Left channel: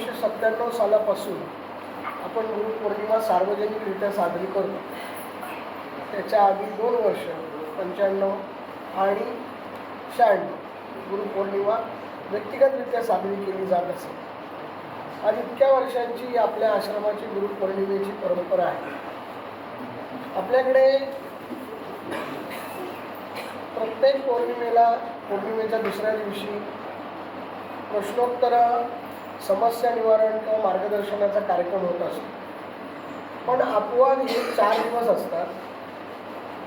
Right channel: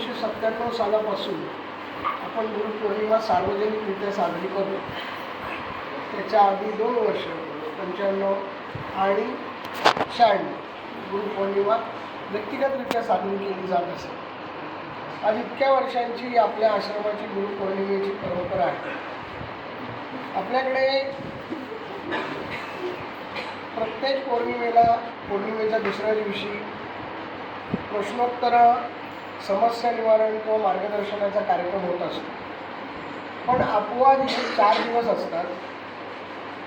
1997 सालापासून आपण गुरुपौर्णिमा सार्वजनिकरित्या साजरी करतो. त्याच्या आधी 2 वर्ष 95 आणि 96 गुरुपौर्णिमा व्यक्तिगतरित्या साजरी केली जात असे. आज इतक्या वर्षांची आपल्या आश्रमाची गुरुपौर्णिमेची परंपरा आहे. आपल्याकडे प्रत्येक पौर्णिमेच्या दुसऱ्या दिवशी प्रश्नोत्तर, समस्या निवारण किंवा मार्गदर्शनाचा कार्यक्रम होत असतो. पण अपवाद हे 4 दिवस असतात.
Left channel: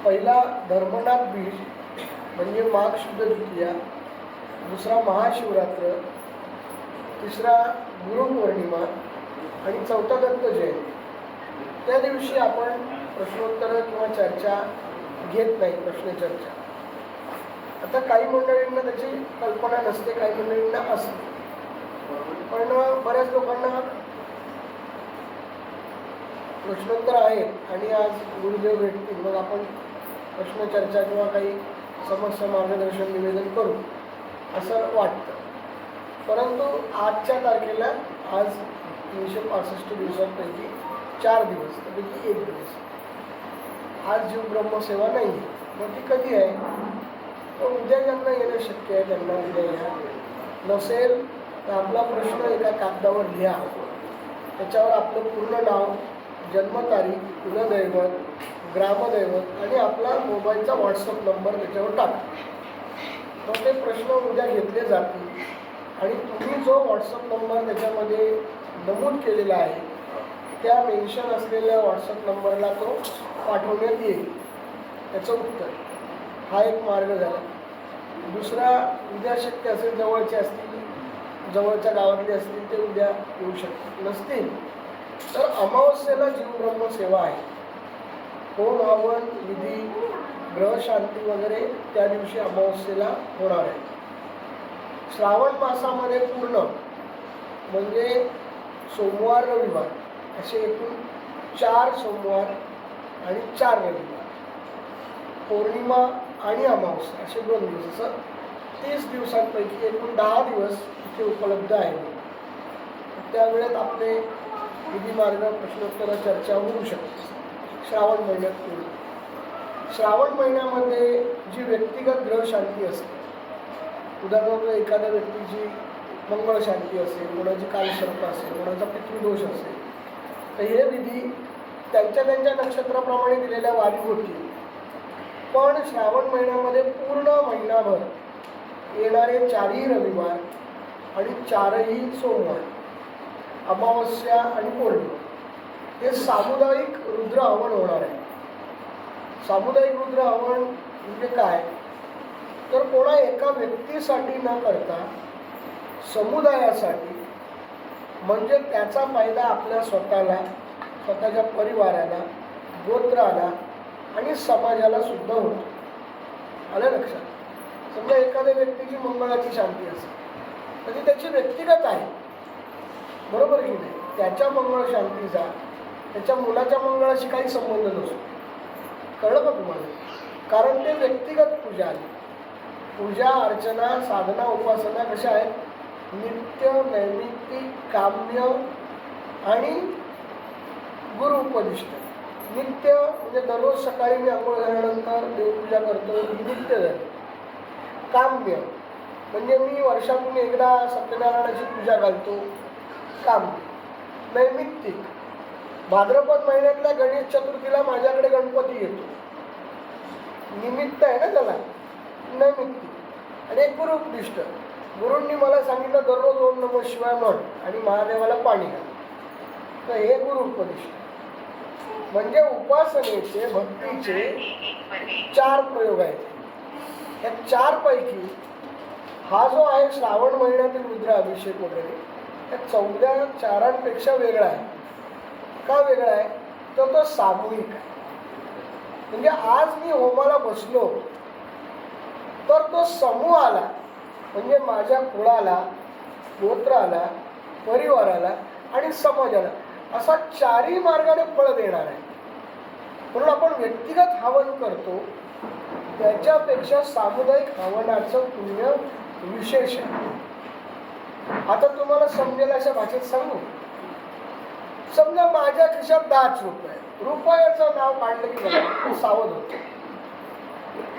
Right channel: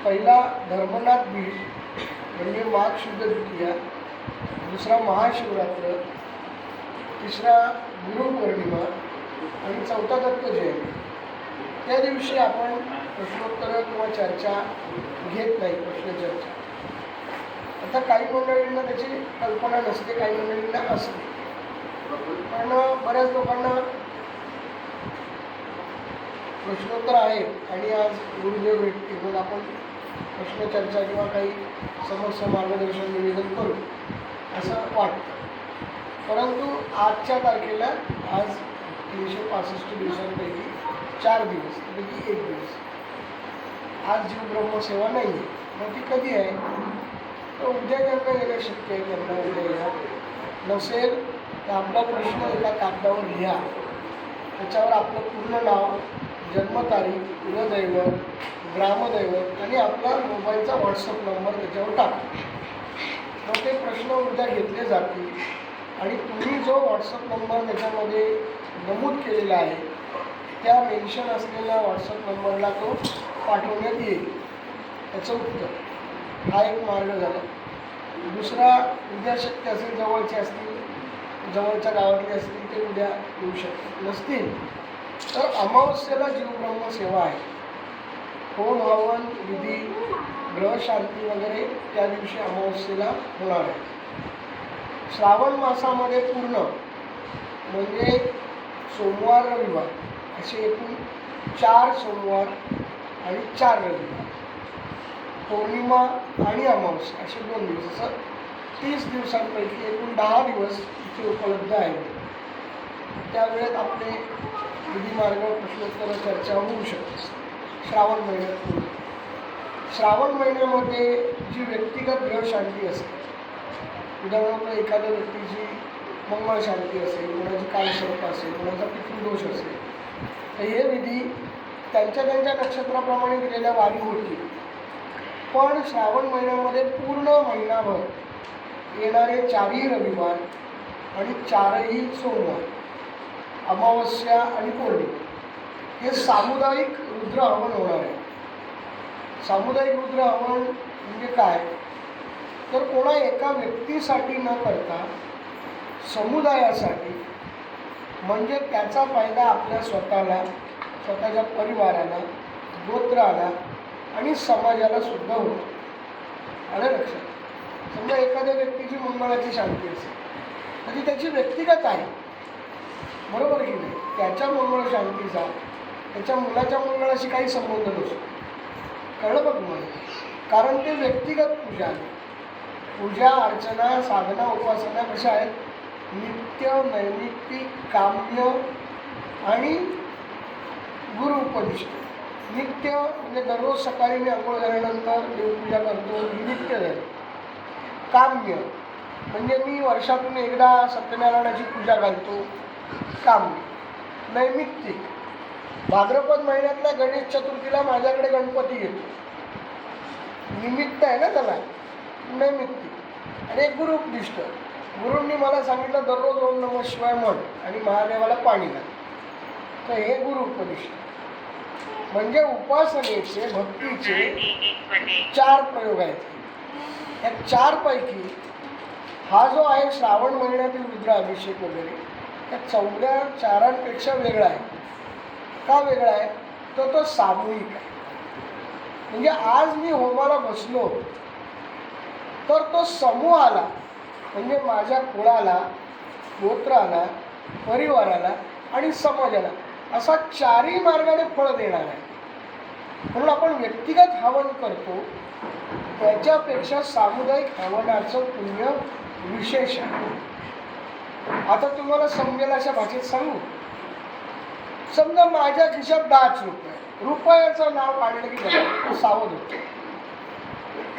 पहिला धर्मनाथ बीज म्हणजे माघ शुद्ध द्वितीया, दुसरा महाशिवरात्र, तिसरा गुरुपौर्णिमा आणि चौथा दत्त जयंती. त्या दिवशी आपण प्रश्नोत्तर किंवा चर्चा घेत नाही, प्रश्नचर्चा. आता काही मंडळींना त्याची कल्पना नसते, काही मंडळींना असते. पण बऱ्याच लोकांना प्रश्नोत्तर आहेत आणि आज गुरुदेव भेटतील, मग आपण प्रश्नचर्चा किंवा काही समस्या मार्गदर्शन निवेदन करू असं वाटतं. परंतु आजच्या तारखेला आज 365 दिवसांपैकी 4 दिवस त्यापैकी 1 दिवस आज जीवब्रह्मसेवा नाही आहे. मग ती कधी आहे? तर उद्या ज्यांना येणं शक्य आहे त्यांना उद्या या. नसेल तर आपला प्रश्न एका कागदावर लिहा, त्याच्यावर आपलं पूर्ण नाव, जन्मतारीख, कुलदैवत, ग्रामदैवत आणि आपला मोबाईलचा व्हॉट्सअप नंबर त्याच्यावर टाका. मग ते प्रश्न उद्या घेतले जातील आणि तुम्ही जो व्हॉट्सअप नंबर त्याच्यामध्ये नमूद केलेला आहे त्या मेन्शन असलेल्या व्हॉट्सअप नंबरला तो पाठवण्यात येईल त्याचं उत्तर. हा एक मार्ग झाला. दुसरा, उद्या शक्य असेल, जवळचे असतील, जवळच्या गावातले असतील ते उद्या येऊ शकतात. नसतील तर अमावस्येला जीवब्रह्मसेवा आहे. होम हवन विधी, ग्रहशांती वगैरे त्या दिवशी अमावस्येला होणार आहे. श्रावण मासामध्ये पूर्ण म्हणजे सोमवार रविवार असे एकूण 4 सोमवार आणि 4 रविवार, पौर्णिमा आणि अमावस्या असे 2 दिवस, असं 30 दिवसांपैकी एकूण 10 दिवस इथे उपलब्ध आहे. त्यावेळेत आपले विधिमार्ग, प्रश्नोत्तर, चर्चा होऊ शकते. श्रावण महिन्यात पूर्ण. श्रावण महिन्यामध्ये जी व्यक्तिगत ग्रहशांती असते, उदाहरणार्थ एखाद्या व्यक्तीची मंगळशांती असेल, कोणाची कालसर्प असेल, कोणाचा पितृदोष असेल, तर हे विधी त्यांच्या नक्षत्राप्रमाणे दिलेल्या वारी होतील. पण श्रावण महिन्यामध्ये पूर्ण महिनाभर येणारे 4ही रविवार आणि 4ही सोमवार, अमावस्या आणि पौर्णिमा हे सामुदायिक रुद्र हवन होणार आहे. सामुदायिक रुद्र हवन म्हणजे काय? तर कोणा एका व्यक्तीसाठी न करता समुदायासाठी, म्हणजे त्याचा फायदा आपल्या स्वतःला, स्वतःच्या परिवाराला, गोत्राला आणि समाजाला सुद्धा होतो. आलं लक्षात? समजा एखाद्या व्यक्तीची मंगळाची शांती असेल तर ती त्याची व्यक्तिगत आहे, बरोबर की नाही? त्याच्या मंगळ शांतीचा त्याच्या मुलाच्या मंगळाशी काही संबंध नसतो. कळलं का तुम्हाला? कारण ते व्यक्तिगत पूजा आहे. पूजा, अर्चना, साधना, उपासना कशा आहेत? नित्य, नैमित्तिक, काम्य आणि गुरु उपदिष्ट. नित्य म्हणजे दररोज सकाळी मी अंघोळ झाल्यानंतर देवपूजा करतो, ही नित्य झाली. काम्य म्हणजे मी वर्षातून एकदा सत्यनारायणाची पूजा घालतो, काम्य. नैमित्तिक, भाद्रपद महिन्यातल्या गणेश चतुर्थीला माझ्याकडे गणपती येतो, निमित्त आहे ना त्याला, नैमित्तिक. आणि एक गुरु उपदिष्ट, गुरूंनी मला सांगितलं दररोज ओम नमः शिवाय म्हण आणि महादेवाला पाणी घाल, तर हे गुरु उपदिष्ट. म्हणजे उपासनेचे, भक्तीचे 4 प्रयोग आहेत. या 4 पैकी हा जो आहे श्रावण महिन्यातील रुद्र अभिषेक वगैरे, त्या 14 4पेक्षा वेगळा आहे. का वेगळा आहे? तर तो सामूहिक आहे. म्हणजे आज मी होमाला बसलो तर तो समूहाला, म्हणजे माझ्या कुळाला, गोत्राला, परिवाराला आणि समाजाला असा 4ही मार्गाने फळ देणार आहे. म्हणून आपण व्यक्तिगत हवन करतो त्याच्यापेक्षा सामुदायिक हवनाचं पुण्य विशेष आहे. आता तुम्हाला समजेल अशा भाषेत सांगू. समजा माझ्या खिशात 10 रुपये, रुपयाचं नाव काढलं की बघा सावध होते.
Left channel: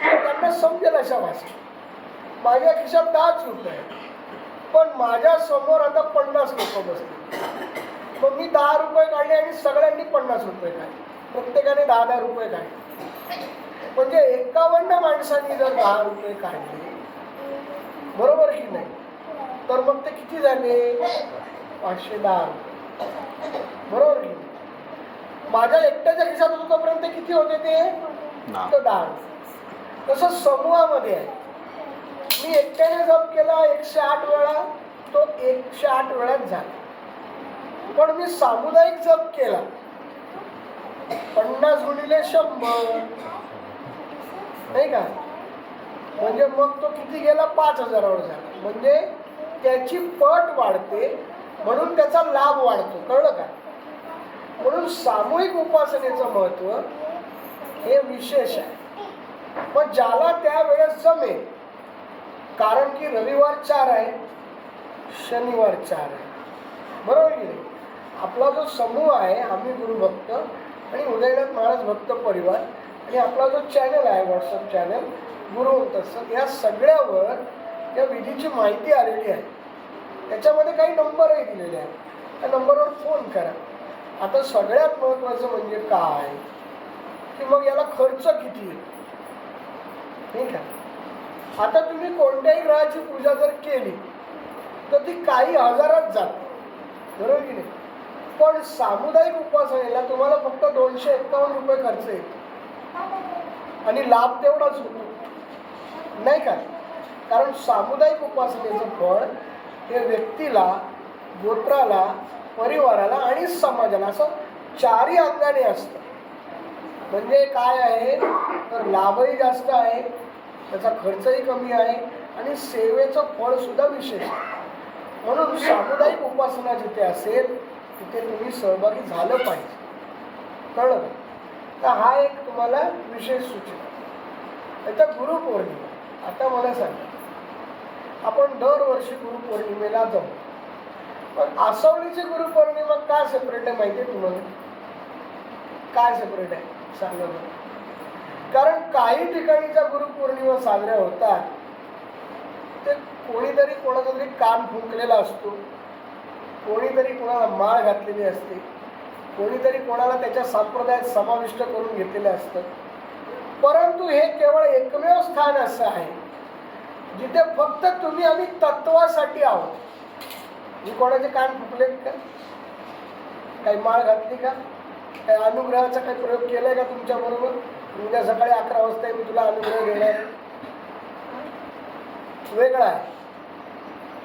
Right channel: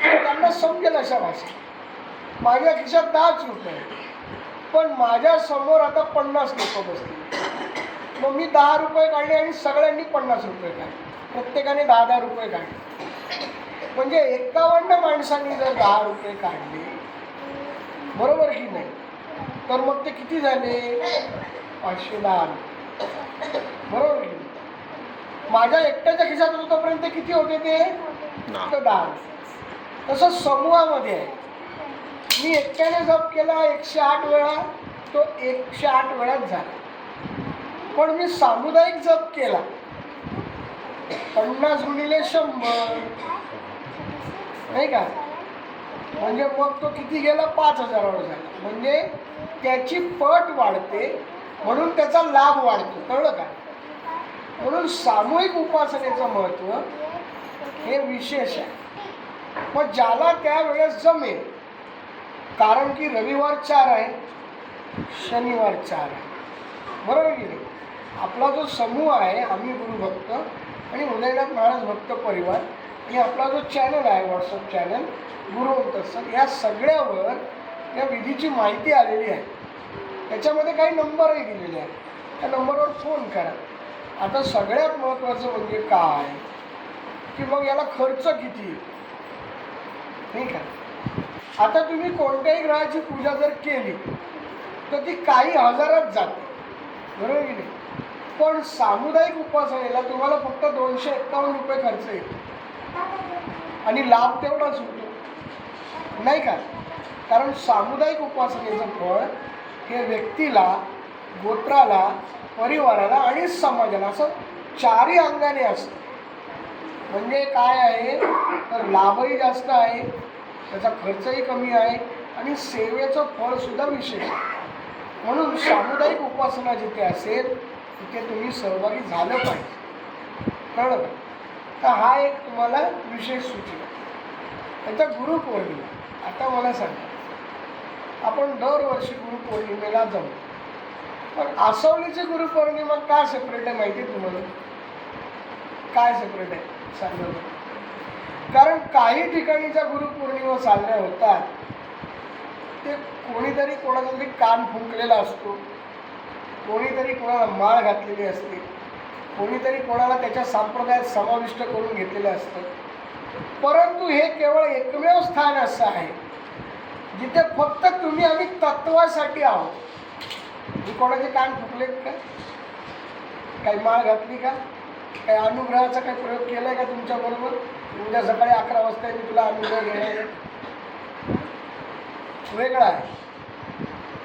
त्यांना समजेल अशा भाषेत माझ्या खिशात 10 रुपये, पण माझ्या समोर आता 50 लोक बसले. मग मी 10 रुपये काढले आणि सगळ्यांनी 50 रुपये काढले, प्रत्येकाने 10-10 रुपये काढले. म्हणजे 51 माणसांनी जर 10 रुपये काढले, बरोबर की नाही, तर मग ते किती झाले? 510. बरोबर की नाही? माझ्या एकट्याच्या खिशात होतोपर्यंत किती होते ते? 10. तसं समूहामध्ये आहे. मी एकट्याने जप केला 108 वेळा, तो 108 वेळाच झाला. पण मी सामुदायिक जप केला 50 गुणिले 100, नाही का, म्हणजे मग तो किती गेला? 5000 वर झाला. म्हणजे त्याची पट वाढते, म्हणून त्याचा लाभ वाढतो. कळलं का? म्हणून सामूहिक उपासनेचं महत्त्व हे विशेष आहे. पण ज्याला त्यावेळेस जमेल, कारण की रविवार 4 आहे, शनिवार 4 आहे, बरोबर की नाही. आपला जो समूह आहे, आम्ही गुरुभक्त आणि उदयनाथ महाराज भक्त परिवार, आणि आपला जो चॅनल आहे, व्हॉट्सअप चॅनल गुरुवंत सर, या सगळ्यावर या विधीची माहिती आलेली आहे. त्याच्यामध्ये काही नंबरही दिलेले आहेत. त्या नंबरवर फोन करा. आता सगळ्यात महत्त्वाचं म्हणजे काय की मग याला खर्च किती, ठीक आहे. आता तुम्ही कोणत्याही ग्रहाची पूजा जर केली तर ती काही हजारात जाते, बरोबर की नाही. पण सामुदायिक उपासनेला तुम्हाला फक्त 251 रुपये खर्च येतो आणि लाभ तेवढाच होतो, नाही का. कारण सामुदायिक उपासनेचं फळ हे व्यक्तीला, गोत्राला, परिवाराला आणि समाजाला असं 4ही अंगाने असतं. म्हणजे काय आहे तर लाभही जास्त आहे, त्याचा खर्चही कमी आहे आणि सेवेचं फळसुद्धा विशेष आहे. म्हणून सामुदायिक उपासना जिथे असेल तिथे तुम्ही सहभागी झालं पाहिजे. कळलं का? तर हा एक तुम्हाला विशेष सूचना. त्याचा गुरुपौर्णिमा. आता मला सांगा, आपण दरवर्षी गुरुपौर्णिमेला जाऊ, पण आसवलीची गुरुपौर्णिमा का सेपरेट आहे माहिती आहे तुम्हाला? काय सेपरेट आहे सांगा. कारण काही ठिकाणी ज्या गुरुपौर्णिमा साजऱ्या होतात ते कोणीतरी कोणाचा तरी कान फुंकलेला असतो, कोणीतरी कोणाला माळ घातलेली असते, कोणीतरी कोणाला त्याच्या संप्रदायात समाविष्ट करून घेतलेलं असतं. परंतु हे केवळ एकमेव स्थान असं आहे जिथे फक्त तुम्ही आम्ही तत्वासाठी आहोत. मी कोणाचे कान फुकलेत का? काही माळ घातली का? काही अनुग्रहाचा काही प्रयोग केला आहे का तुमच्याबरोबर? उद्या सकाळी 11 वाजता मी तुला अनुग्रह देणार आहे, वेगळा आहे.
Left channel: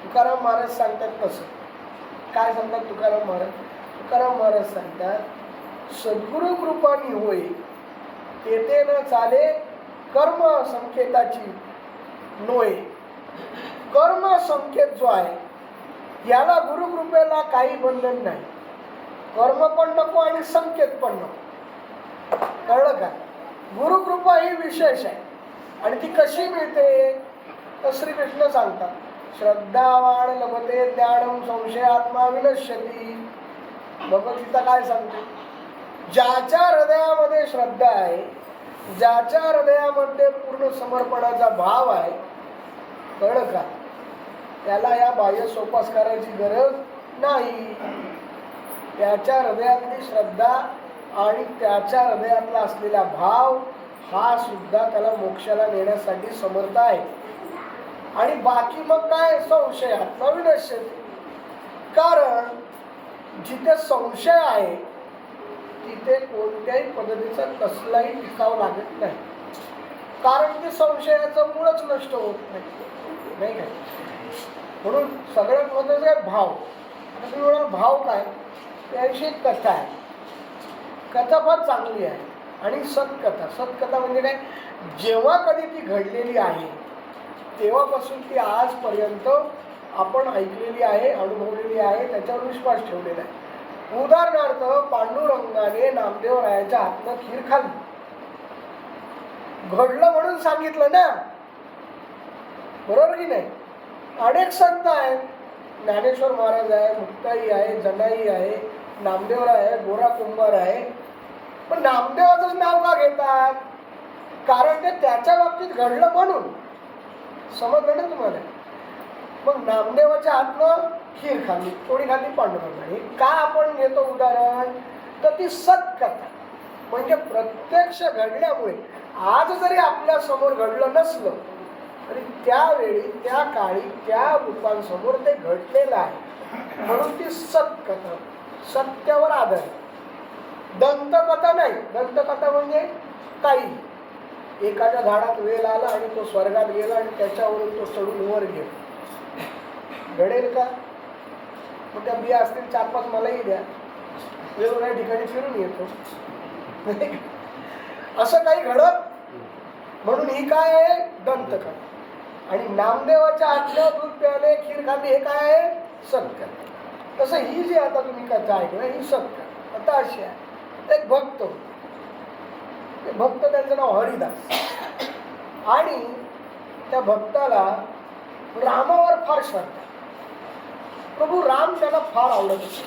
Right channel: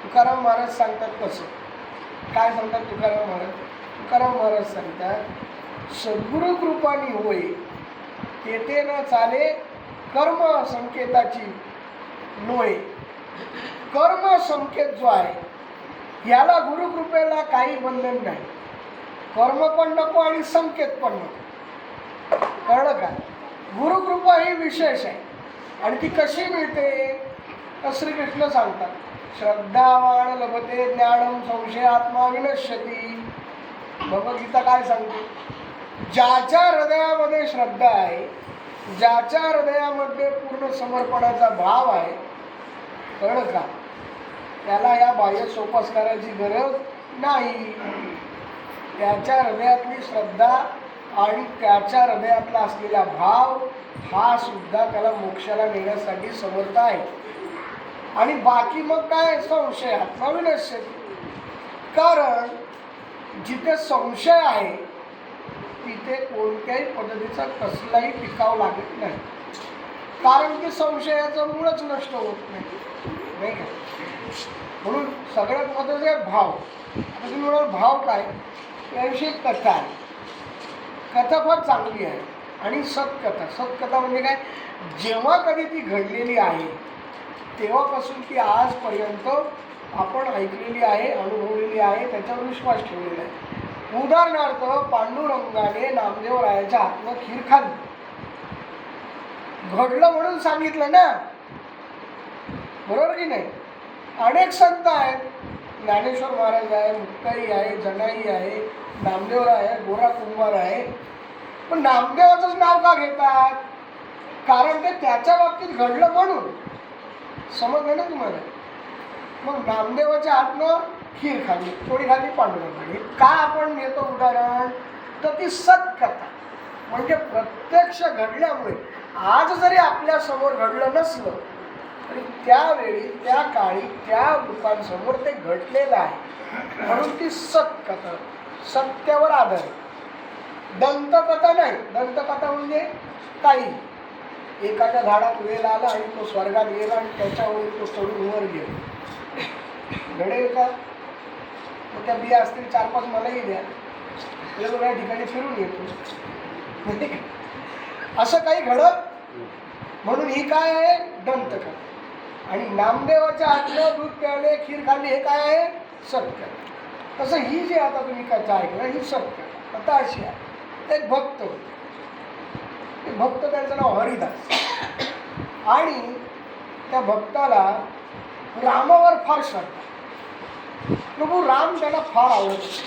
तुकाराम महाराज सांगतात कसं, काय सांगतात तुकाराम महाराज? तुकाराम महाराज सांगतात, सद्गुरु कृपानी होय तेथे न चाले कर्म संकेताची नोय. कर्म संकेत जो आहे याला गुरुकृपेला काही बंधन नाही. कर्म पण नको आणि संकेत पण नको. कळलं का? गुरुकृपा ही विशेष आहे. आणि ती कशी मिळते तर श्रीकृष्ण सांगतात, श्रद्धावान लभते ज्ञानम संशयात्मा विनश्यती. भगवद्गीता काय सांगते? ज्याच्या हृदयामध्ये श्रद्धा आहे, ज्याच्या हृदयामध्ये पूर्ण समर्पणाचा भाव आहे, कळलं का, त्याला या बाह्य सोपासकाराची गरज नाही. त्याच्या हृदयातली श्रद्धा आणि त्याच्या हृदयातला असलेला भाव हा सुद्धा त्याला मोक्षाला नेण्यासाठी समर्थ आहे. आणि बाकी मग काय? संशयात्मा विनश्यती. कारण जिथे संशय आहे तिथे कोणत्याही पद्धतीचा कसलाही टिकाव लागत नाही. कारण की संशयाचं मूळच नष्ट होत नाही, नाही का. म्हणून सगळ्यात महत्त्वाचं आहे भाव. आता तुम्ही म्हणाल भाव काय? त्याविषयी कथा आहे. कथा फार चांगली आहे. आणि सत्कथा. सत्कथा म्हणजे काय? जेव्हा कधी ती घडलेली आहे तेव्हापासून ती आजपर्यंत आपण ऐकलेली आहे, अनुभवलेली आहे, त्याच्यावर विश्वास ठेवलेला आहे. उदाहरणार्थ, पांडुरंगाने नामदेवरायाच्या हातनं खीर खाल्ली, घडलं म्हणून सांगितलं ना, बरोबर की नाही. अनेक संत आहेत ज्ञानेश्वर महाराज आहे, मुक्ताई आहे, जनाई आहे, नामदेव आहे, गोरा कुंभार आहे. पण नामदेवाचंच नाव का घेतात? कारण ते त्याच्या बाबतीत घडलं म्हणून. समजलं ना तुम्हाला? मग नामदेवाच्या हातनं खीर खाल्ली, कोणी खाल्ली? पांडुरंगाने. का आपण घेतो उदाहरण? तर ती सत्कथा, म्हणजे प्रत्यक्ष घडल्यामुळे. आज जरी आपल्या समोर घडलं नसलं तरी त्यावेळी, त्या काळी, त्या लोकांसमोर ते घडलेलं आहे, म्हणून ती सत्कथा, सत्यावर आधारित. दंतकथा नाही. दंतकथा म्हणजे काही एखाद्या झाडात वेल आला आणि तो स्वर्गात गेला आणि त्याच्यावरून तो चढून वर गेला, घडेल का? मग त्या बिया असतील 4-5 मलाही द्या, वेगवेगळ्या ठिकाणी फिरून येतो, असं काही घडत. म्हणून ही काय आहे? दंतकथा. आणि नामदेवाच्या हातनं दूध प्याले, खीर खाल्ली, हे काय आहे? सत्य. तसं ही जी आता तुम्ही कथा ऐकलं ही सत्य कथा अशी आहे. एक भक्त होते, ते भक्त, त्यांचं नाव हरिदास. आणि त्या भक्ताला रामावर फार श्रद्धा. प्रभू राम त्याला फार आवडत होते,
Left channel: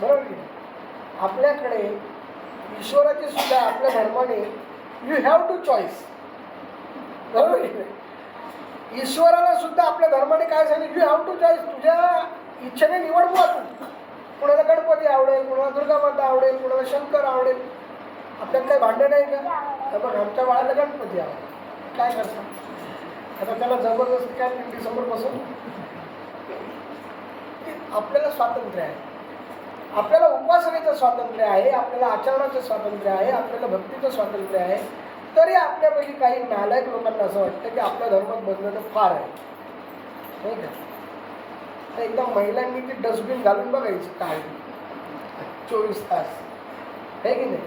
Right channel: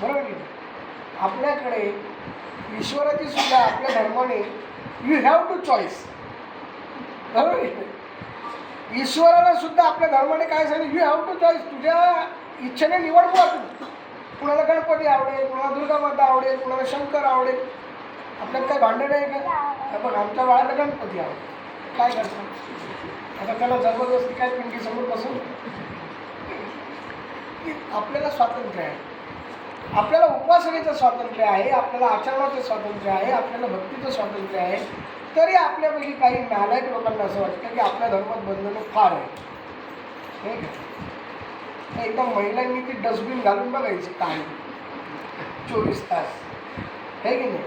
बरोबर की नाही? आपल्याकडे ईश्वराची सुद्धा आपल्या धर्माने यू हॅव टू चॉईस, बरोबर की नाही? ईश्वराला सुद्धा आपल्या धर्माने काय सांगितलं? You have two choice. तुझ्या इच्छेने निवड बुवा तू. कुणाला गणपती आवडेल, कुणाला दुर्गा माता आवडेल, कुणाला शंकर आवडेल. आपल्याला काही भांडण नाही का? बघ, आमच्या बाळाला गणपती आवडेल, काय करतात? आता त्याला जबरदस्ती काय पिंकी समोर बसून. आपल्याला स्वातंत्र्य आहे, आपल्याला उपासनेचं स्वातंत्र्य आहे, आपल्याला आचरणाचं स्वातंत्र्य आहे, आपल्याला भक्तीचं स्वातंत्र्य आहे. तरी आपल्यापैकी काही नालायक लोकांना असं वाटतं की आपल्या धर्मात बंधनं फार आहे, नाही का? एकदा महिलांनी ती डस्टबिन घालून बघायची काय 24 तास, आहे की नाही?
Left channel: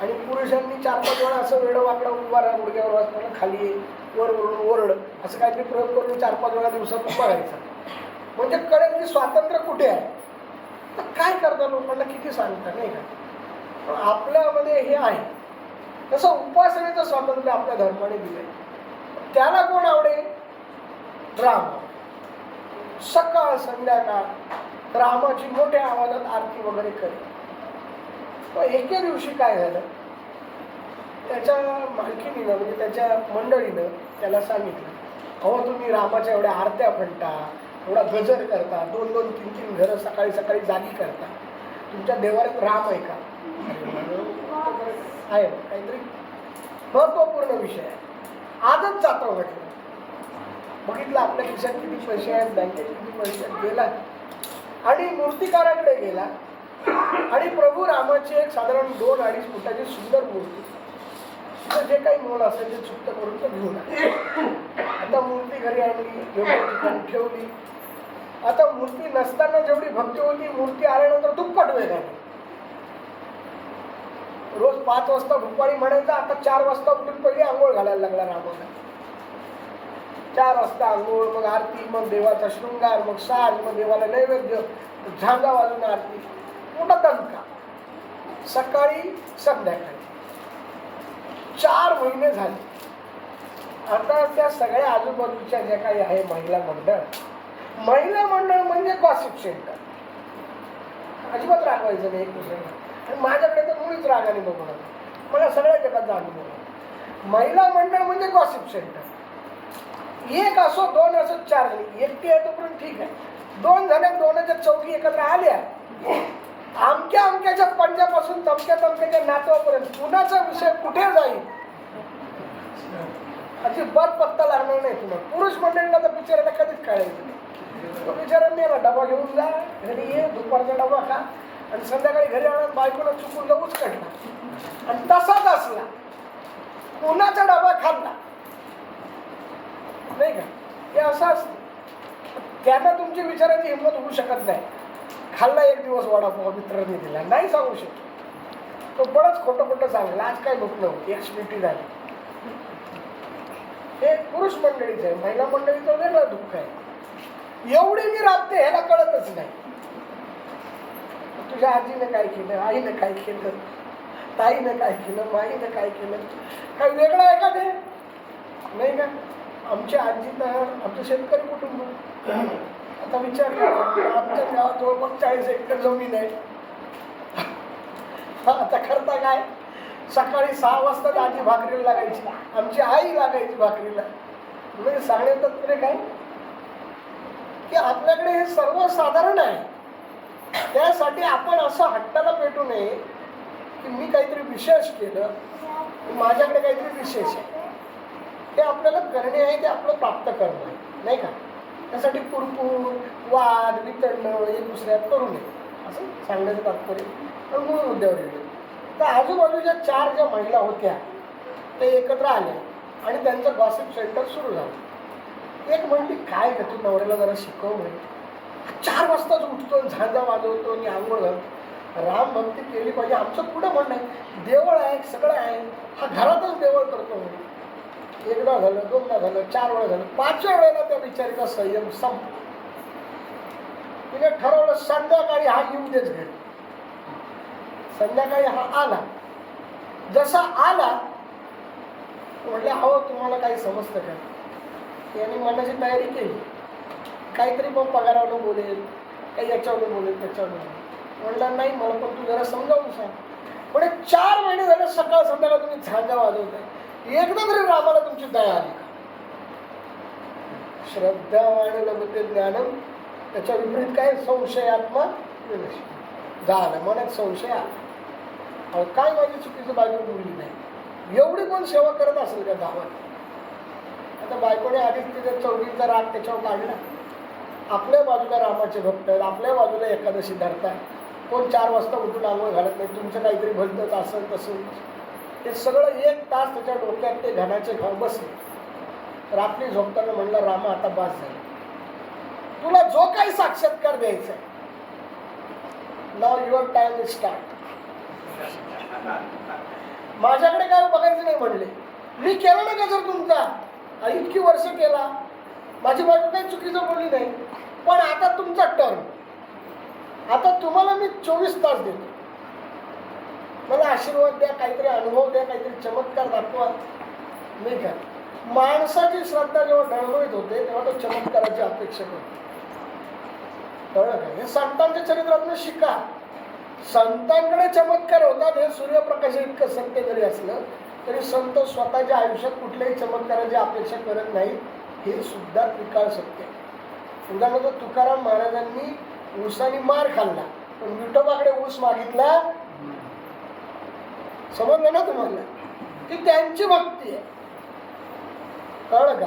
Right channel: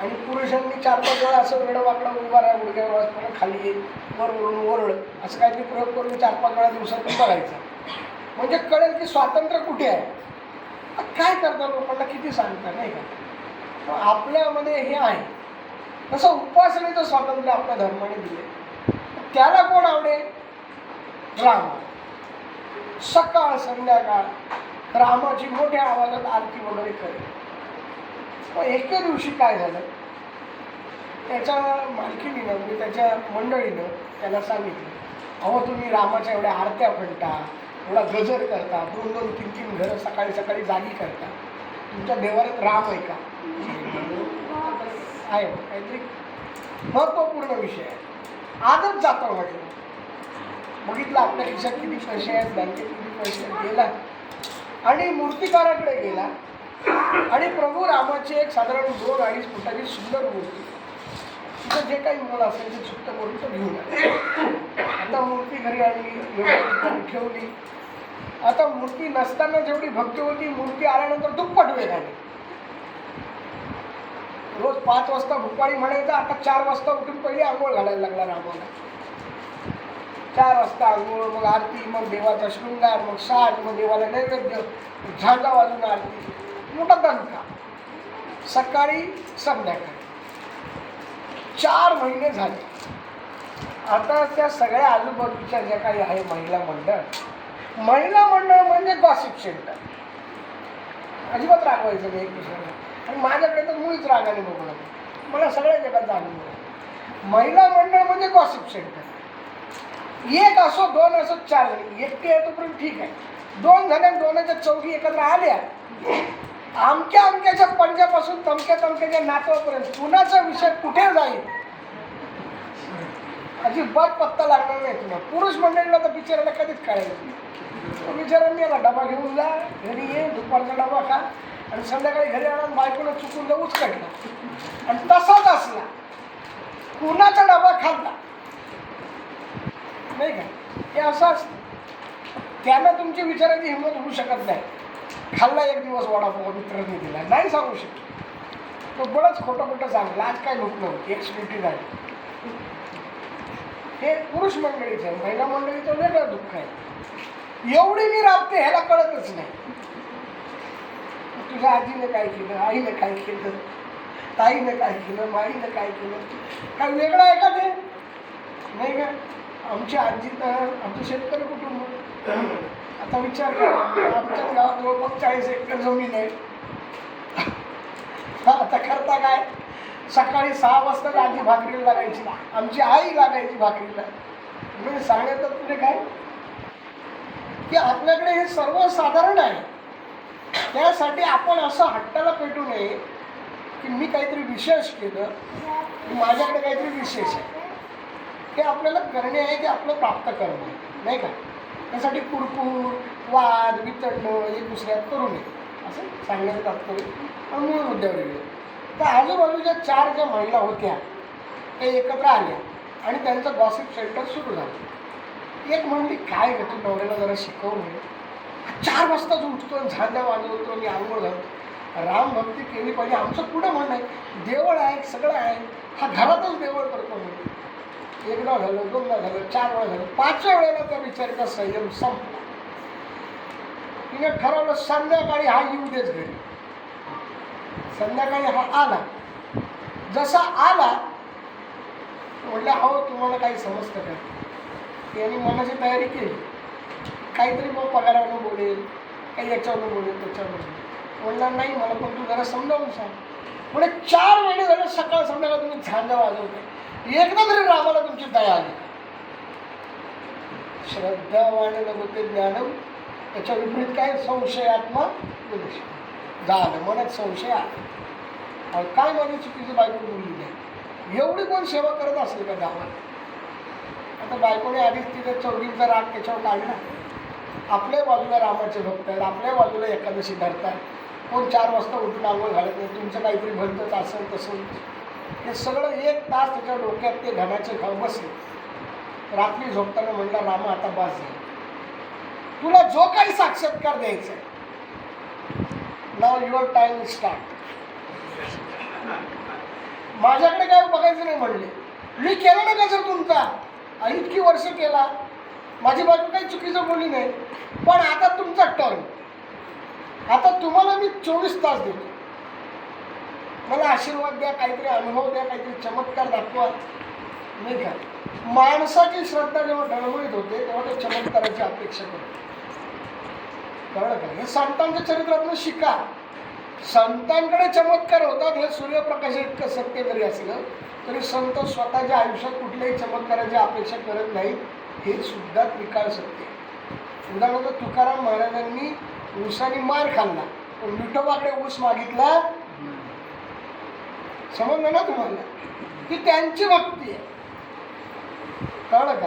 आणि पुरुषांनी 4-5 वेळा असं वेळं वाकडा उभा राहा, गुडघ्यावर असताना खाली ये, वर वरून ओरड, असं काहीतरी प्रयोग करून 4-5 वेळा दिवसातून बघायचं, म्हणजे कळेल की स्वातंत्र्य कुठे आहे. काय करता लोकांना किती सांगता, नाही का? आपल्यामध्ये हे आहे. तसं उपासनेचं स्वातंत्र्य आपल्या धर्माने दिलंय. त्याला कोण आवडेल? राम. सकाळ संध्याकाळ रामाची मोठ्या आवाजात आरती वगैरे करेल. पण एके दिवशी काय झालं, त्याच्या मालकीनीनं, म्हणजे त्याच्या मंडळीनं त्याला सांगितलं, अहो तुम्ही रामाच्या एवढ्या आरत्या म्हणता, एवढा गजर करता, 2-2, 3-3 घरं सकाळी सकाळी जागी करता, तुमच्या देवाऱ्यात राम आहे का? आहे, काहीतरी महत्त्वपूर्ण विषय आहे. आजच जातो म्हटलं. बघितलं आपल्या खिशात किती पैसे आहेत, बँकेत किती पैसे आहेत. गेला आणि मूर्तिकाराकडे गेला आणि प्रभू रामाची एक साधारण 2-2.5 फुटाची सुंदर मूर्ती, तिचं जे काही मोल असेल ते सुट्ट करून तो घेऊन आला. आता मूर्ती घरी आणली, ठेवली. आता मूर्ती नसताना जेवढी भक्ती होती, मूर्ती आल्यानंतर दुप्पट वेग आली. रोज 5 वाजता भुपाळी म्हणायचा, आता 4 वाजता उठून पहिली आंघोळ घालायला लागला रामाला. 4 वाजता आंघोळ, मग आरती, मग देवाचा शृंगार, मग साज, मग देवाला नैवेद्य, झांजा वाजून आरती, मोठा दणका. सकाळी संध्याकाळी 4 महिने झाले. आता त्या सगळ्या आजूबाजूच्या ज्या काही आहे महिला मंडळ म्हणजे गॉसिप सेंटर. अजिबात रागवायचं नाही एक दुसऱ्याला. आणि माझ्याकडे तर मुळीच रागाने बघणार, मला सगळ्या जगाचा अनुभव आहे. महिला मंडळ म्हणजे गॉसिप सेंटर. 1 असो, 2 असो, 4 जण, एकटे आहे तोपर्यंत ठीक आहे. 2 झाले, 2च्या चौघी एकत्र आल्या, अमक्याच्या पंजापासून तमक्याच्या नातवापर्यंत कुणाचा विषय कुठे जाईल अजिबात पत्ता लागणार नाही तुला. पुरुष मंडळीला तर बिचाराला कधीच कळायचं. तो बिचारा मेला, डबा घेऊन जा, घरी ये, दुपारचा डबा खा, आणि संध्याकाळी घरी आणून बायकोला चुकून जाऊच काढला. आणि तसाच असला, कुणाचा डबा खाल्ला नाही का, हे असं असतं. त्यांना तुमची विचाराची हिंमत होऊ शकत नाही. खाल्ला एक दिवस वडापाव, मित्रांनी दिला, नाही सांगू शकत. तो बरंच खोटं सांगला, आज काय लोक नव्हती, एक्सक्युटी झाली. हे पुरुष मंडळीचं आहे. महिला मंडळीचं वेगळं दुःख आहे. एवढी मी राबते ह्याला कळतच नाही. तुझ्या आजीने काय केलं, आईने काय केलं, ताईने काय केलं, माईने काय केलं, काय वेगळं आहे का ते? नाही का? आमची आजी तर आमचं शेतकरी कुटुंब. आता विचार करा, आमच्या गावात जवळपास 40 एकर जमीन आहे. आता करता काय, सकाळी 6 वाजता आजी भाकरीला लागायची, आमची आई लागायची भाकरीला. म्हणजे सांगण्यात पुढे काय की आपल्याकडे हे सर्वसाधारण आहे. त्यासाठी आपण असं हट्टाला पेटू नये की मी काहीतरी विशेष केलं, माझ्याकडे काहीतरी विशेष आहे. हे आपल्याला करणे आहे, ते आपलं प्राप्त करणे नाही का. त्यासाठी कुरकूर वाद वितरणं एक दुसऱ्यात करू नये असं सांगण्याचं तात्पर्य. पण मूळ मुद्द्यावर येईल. तर आजूबाजूच्या 4 ज्या महिला होत्या ते एकत्र आल्या आणि त्यांचं गॉसिप सेंटर सुरू झालं. एक म्हणली, काय का तू नवऱ्याला जरा शिकवणे, 4 वाजताच उठतो, झांजा वाजवतो आणि आंघोळ घालतो. रामभक्ती केली पाहिजे, आमचं पुढं म्हणणं आहे. देवळ आहे, सगळं आहे, हा घरातच देवळ करतो म्हणून. एकदा झालं, 2दा झालं, 4 वेळा झालं, 5व्या वेळेला त्या बिचारीचा संयम संपला. तिने ठरवलं संध्याकाळी हा येऊ देच घरी. संध्याकाळी हा आला. जसा आला म्हटलं, अहो तुम्हाला काही समजतं का. यांनी मनाची तयारी केली, काहीतरी मग पगारावरून बोलेल, काही याच्यावरून बोलेल, त्याच्यावर बोलेल. म्हणलं नाही, मला पण तू जरा समजावून सांग. म्हणजे 4 महिने झाले सकाळ संध्याकाळ तुम्ही झांजा वाजवताय, एकदा तरी रामाला तुमची दया आली. श्रद्धावान लभते ज्ञानम, त्याच्या विपरीत काय, संशयात्मा विनाश. झालं मनात संशय आला, काय माझी चुकीचं बायको बोलली नाही. एवढी पण सेवा करत असेल का गावात. आता बायकोने आधीच तिथे चौघींचा राग त्याच्यावर काढला. आपल्या बाजूला रामाचे भक्त आहेत, आपल्या बाजूला एकादशी धरतात, कोण 4 वाजता उठून आंघोळ घालत नाही, तुमचं काहीतरी भलतंच असं तसं. हे सगळं 1 तास त्याच्या डोक्यात ते घाण्याचे घाव बसले. रात्री झोपताना म्हणलं, रामा आता बास झालं, तुला जो काही साक्षात्कार द्यायचा आहे, नाव युअर टाइम इज स्टार्ट. माझ्याकडे काय बघायचं नाही म्हणले. मी केलं ना का जर तुमचा, इतकी वर्ष केला, माझी बायको काही चुकीचं बोलली नाही, पण आता तुमचा टर्न. आता तुम्हाला मी 24 तास देतो, मला आशीर्वाद द्या, काहीतरी अनुभव द्या, काहीतरी चमत्कार दाखवा. नाही का. माणसाची श्रद्धा जेव्हा डळमळीत होते तेव्हा तो चमत्काराची अपेक्षा करतो. कळलं का. हे संतांच्या चरित्रातून शिका. संतांकडे चमत्कार होतात, हे सूर्यप्रकाश इतकं सत्य जरी असलं तरी संत स्वतःच्या आयुष्यात कुठल्याही चमत्काराची अपेक्षा करत नाही, हे सुद्धा त्रिकाळ सत्य. उदाहरणार्थ तुकाराम महाराजांनी ऊसाने मार खाल्ला, पण विठोबाकडे ऊस मागितला. समजलं ना तुम्हाला, ती त्यांची भक्ती आहे. कळलं का.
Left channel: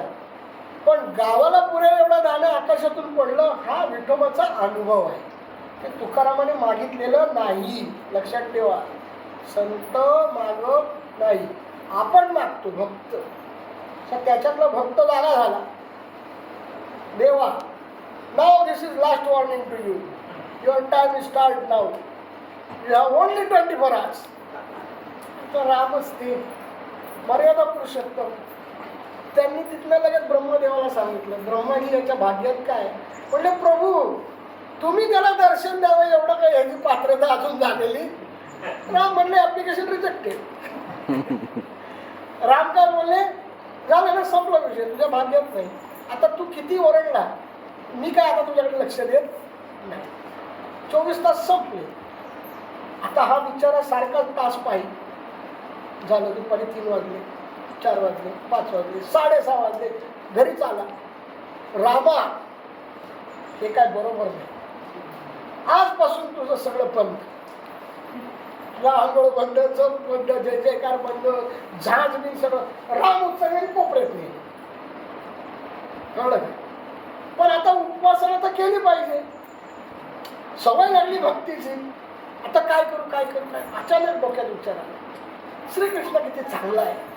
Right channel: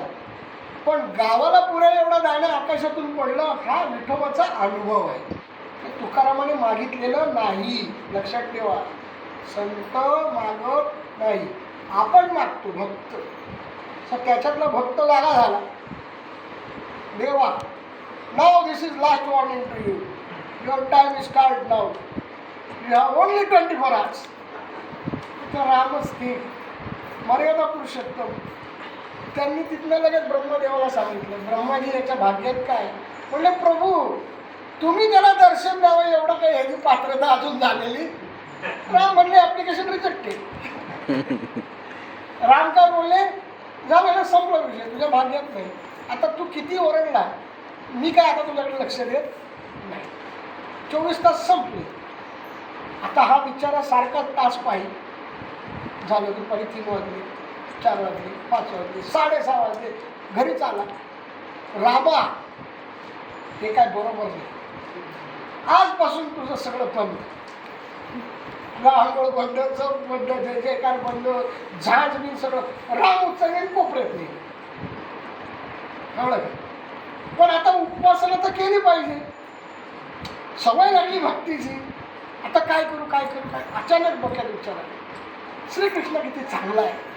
पण गावाला पुऱ्या एवढा दाणं आकाशातून पडलं, हा विठोबाचा अनुभव आहे. तुकारामाने मागितलेलं नाही, लक्षात ठेवा. संत मागत नाही, आपण मागतो भक्त. त्याच्यातला भक्त जागा झाला. देवा, now this is last warning to you, your time is start now, you have only 24 hours. तर रामच ते मर्यादा पुरुषोत्तम. त्यांनी तिथनं लगेच ब्रह्मदेवाला सांगितलं. ब्रह्मानी याच्या भाग्यात काय म्हणले, प्रभू तुम्ही त्याला दर्शन द्यावं एवढं काही याची पात्रता अजून झालेली. राम म्हणले, ऍप्लिकेशन रिजेक्टेड. राम काय बोलले, झालं संपला विषय, तुझ्या भाग्यात नाही. आता तू किती ओरडला, मी काय आता तुझ्याकडे लक्ष देत नाही. 24 तास संपले. आता हा बिचारा सारखा तास पाहिजे. झालं दुपारी 3 वाजले, 4 वाजले, 5 वाजले, 6:30 वाजले, घरीच आला. रामा, हे काय बरोबर नाही, आजपासून तुझं सगळं बंद. आंघोळ बंद, चौक बंद, जय जयकार बंद, झाज बिन सगळं. राम उत्सव कोपऱ्यात नाही. कळलं. पण आता उपासना तर केली पाहिजे, सवय लागली भक्तीची. आता काय करू काय करू काय. अचानक डोक्यात विचार आला, श्रीकृष्ण किती चांगला आहे